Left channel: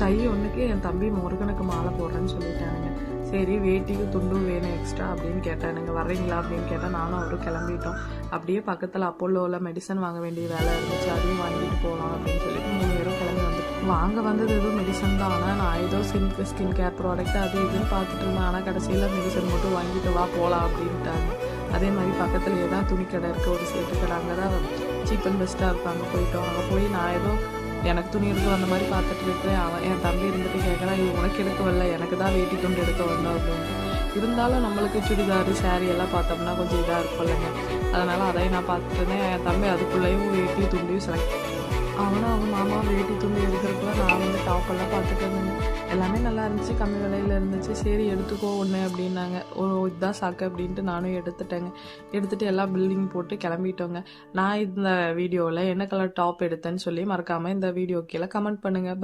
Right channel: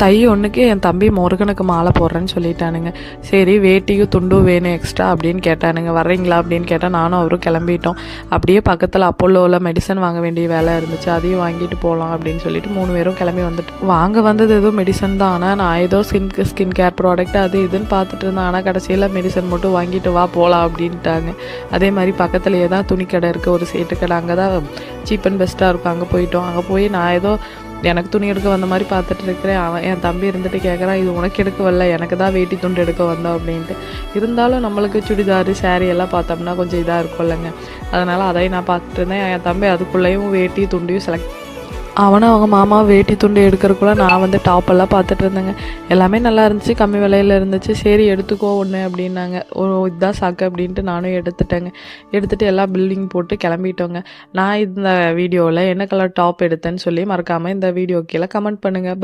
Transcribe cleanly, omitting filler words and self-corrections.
தை ஒன்றுக்கு என் தம்பி முருகனுக்கு மாலை போடுறேன்னு சொல்லிட்டானுங்க. சரி வேட்டியும் துண்டும் வேணும் எக்ஸ்ட்ரா அப்படின்னு கேட்டானுங்க. வர்றீங்களா அப்படின்னு கேட்டால் நானும் அவரும் கிளம்பிட்டோம். அப்படியே பக்கத்தில் அப்போலோவில் மெடிசன் வாங்க வேண்டிய வேலை இருந்துச்சு, அதையும் வாங்கிட்டு போகலாம் அப்படின்னு சொல்லிட்டு 3 பேரும் கிளம்பி வந்துட்டு வாங்க வந்தது ஏதோ மெடிசன் தான். ஆனால் நான் ஏதோ ஸ்கின் கேர் ப்ராடக்ட் அது இதுன்னு பார்த்துட்டு இருந்தேன். ஆனால் கடைசியில் மெடிசன் மட்டும் வாங்கிட்டு வா போகலாம் அப்படின்ட்டாங்க. அதே மாதிரி பக்கத்துலேயே தான் துணி கடை இருக்குது, ஒரு சேட்டு கடை. அங்கே தான் சீப் அண்ட் பெஸ்ட்டாக இருக்கும். அங்கே போயிட்டோம். அங்கே போய் நான் ஏதோ எனக்கு துணி எடுக்க வந்த மாதிரி பார்த்துட்டு இருக்கிறேன். அவன் என் தம்பி இருந்துட்டு கேட்குறான், இது உனக்கு எடுக்க வரல, எனக்கு தான் வேட்டி துண்டு எடுக்க வந்தோம் அப்படின்ட்டு. இருந்தாலும் நம்மளுக்கு சுடிதாரு சாரீ எல்லாம் பார்த்தோம்னா கொஞ்சம் இதாக இருக்கும் இல்லைங்க. அதனால் அதையும் நான் பார்த்துட்டு இருந்தேன். என் தம்பி அதுக்குள்ளேயும் வேட்டி துண்டியும் செலக்ட் அவனை அவங்க மாமா வேட்டி துண்டு எடுக்கிறக்குள்ள நான் வந்து டாப்பெல்லாம் பார்த்துட்டு இருந்தேங்க. எல்லாமே நல்லா இருந்துச்சு, கம்மி விலையில் இருந்துச்சு. சரி எடுத்துக்கோ ஒன்று அப்படின்னாங்க. இதுதான் சாக்கு அப்படின்ட்டு நானும் எடுத்துட்டேங்க. எடுத்துகிட்டு எல்லாம் பில்டிங் போட்டு கிளம்பிட்டோங்க. நான் இந்த வீடியோவில் என்ன கலர் டாப் எடுத்தேன்னு சொல்லி மறக்காமல் இந்த வீடியோ கீழே கமெண்ட் பண்ணுங்கள்.